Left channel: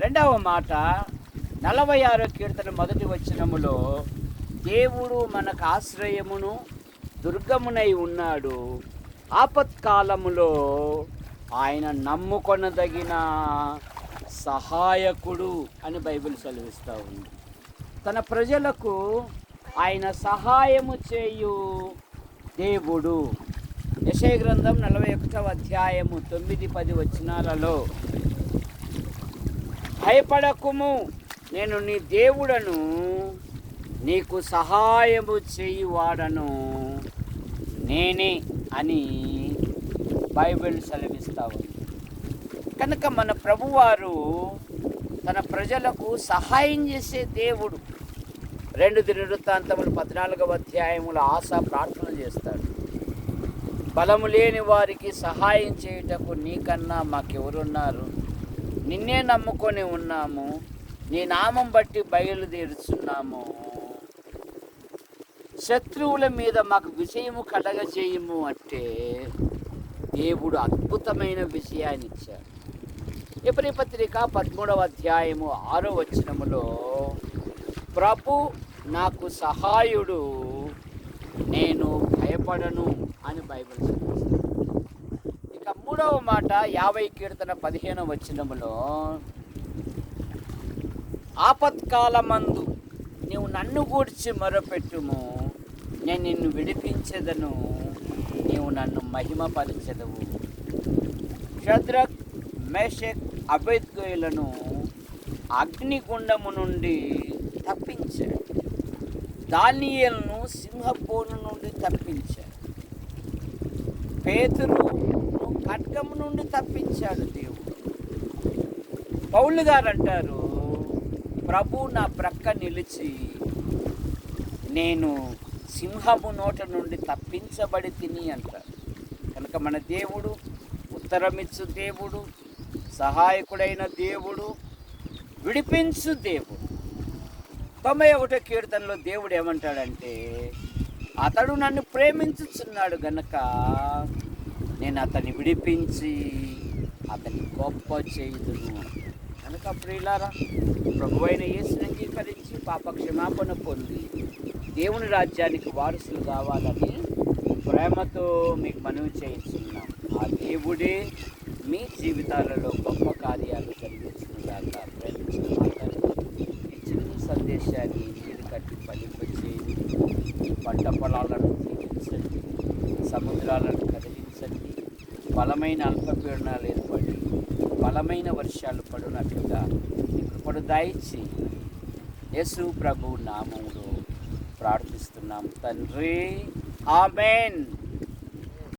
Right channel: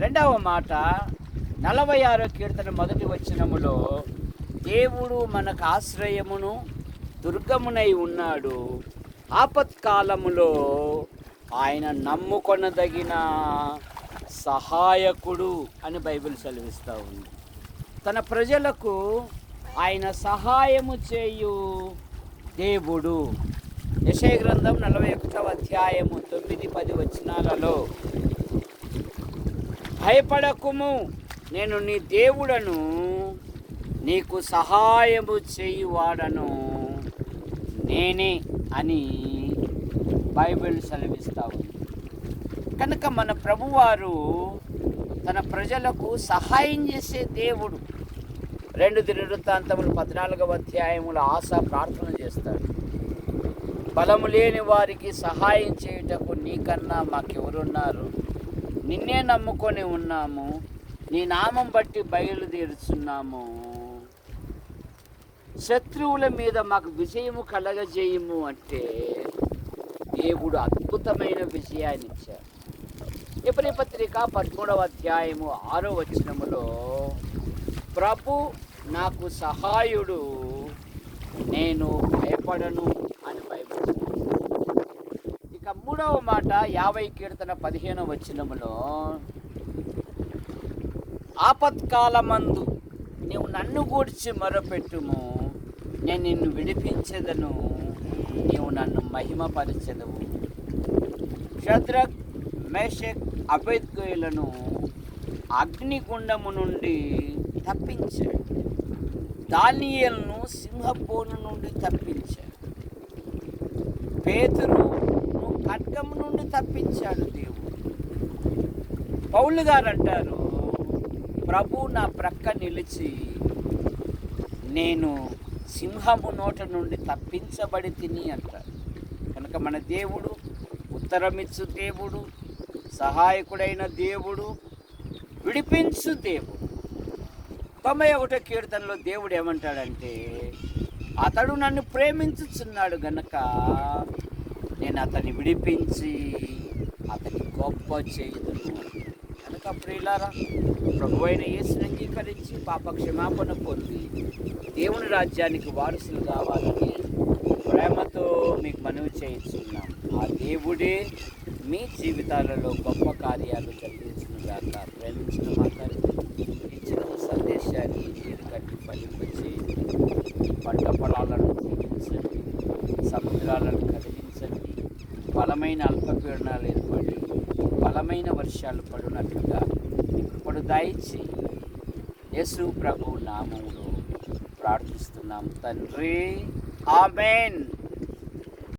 రెండవ మాట 46వ కీర్తన మొదటి వచనములో, దేవుడు మనకు ఆశ్రయమును దుర్గమునై ఉన్నాడు, ఆపత్కాలములో ఆయన నమ్ముకొనదగిన సహాయకుడు అని బైబిల్ సెలవిస్తూ ఉంది. తన ప్రజలకు ఆయన సహాయము చేయు దేవుడు. యెషయా గ్రంథం 41వ అధ్యాయము 9-10 వచనాలలో, భయపడకుము, నేను నీ దేవుడను, నీకు సహాయము చేయువాడను నేనే అని బైబిల్ సెలవిస్తూ ఉంది. కనుక మన ప్రభువారు తన ప్రజలకు సహాయం చేసే దేవుడు. 2 దినవృత్తాంతములు 14వ అధ్యాయముల ఆశ ప్రార్థన చేస్తాడు. బలము లేని వారికి సహాయం చేయుటకు నీకన్నా మాకెవరున్నారు? నిన్నే నమ్ముకొని ఉన్నాము, నీ నామం బట్టి బయలుదేరుచున్నాము. శత్రువుల మీద మాకు విజయము కలగజేయము అంటే దేవుడు అద్భుతమైన విజయాన్ని ఇచ్చారు. ఎబ్రీ పత్రిక 13వ అధ్యాయము 6వ వచనములో, ప్రభు నాకు సహాయుడు, నేను భయపడను అని బైబిల్. ఇక 3వ మాట 50 కీర్తన 15వ వచనములో, ఆపత్కాలమందు నీవు నన్ను గూర్చి మొరపెట్టుము, నేను నిన్ను విడిపించెదను, నీవు నన్ను మహిమపరచెదవు. షద్రక్, మేషక్, అబేద్గోయులను అగ్నిగుండము నుండి తప్పించాడు, దానియేలును సింహపోను నుండి తప్పించాడు, పేతురును ఖడ్గము నుండి తప్పించాడు దేవుడు. పౌలు గారు అంటారు, ప్రభు నా ప్రక్క నిలిచి నేను సింహము నోట నుండి తప్పించబడి తిని అంటారు. కనుక మన దేవుడు ఉత్తరమిచ్చు దేవుడు, సహాయకుడైన దేవుడు, విడిపించు దేవుడు. 91వ కీర్తనలో దేవుడు ఏమంటాడంటే, అతడు నన్ను ప్రేమించుచున్నాడు గనక నేను అతన్ని విడిపించి అతన్ని గొప్ప చేయుదును. కనుక ప్రియులారా, ప్రభువైన యేసుని అంగీకరించి పాప క్షమాపణ పొంది దేవుని రాజ్యానికి వారసులు కావాలని ప్రేమతో మీకు మనవి చేస్తున్నాం. ఆ దేవుడే మీ జీవితాలలో గొప్ప కార్యాలు జరిగించిన ఇచ్చిన సందేశాన్ని మీరు కట్టి ఫలింపచేయండి. పంట పొలాలను జీవించండి, సముద్రాలను కదిలించండి, బలమైన అల్పపీడనాలు ఏర్పడి బలమైన వర్షాలు పడినట్లుగా మీ కృపను దయచేయండి. యేసు ప్రభు నామములో ప్రార్థిస్తున్నాం తండ్రి, ఆమేన్.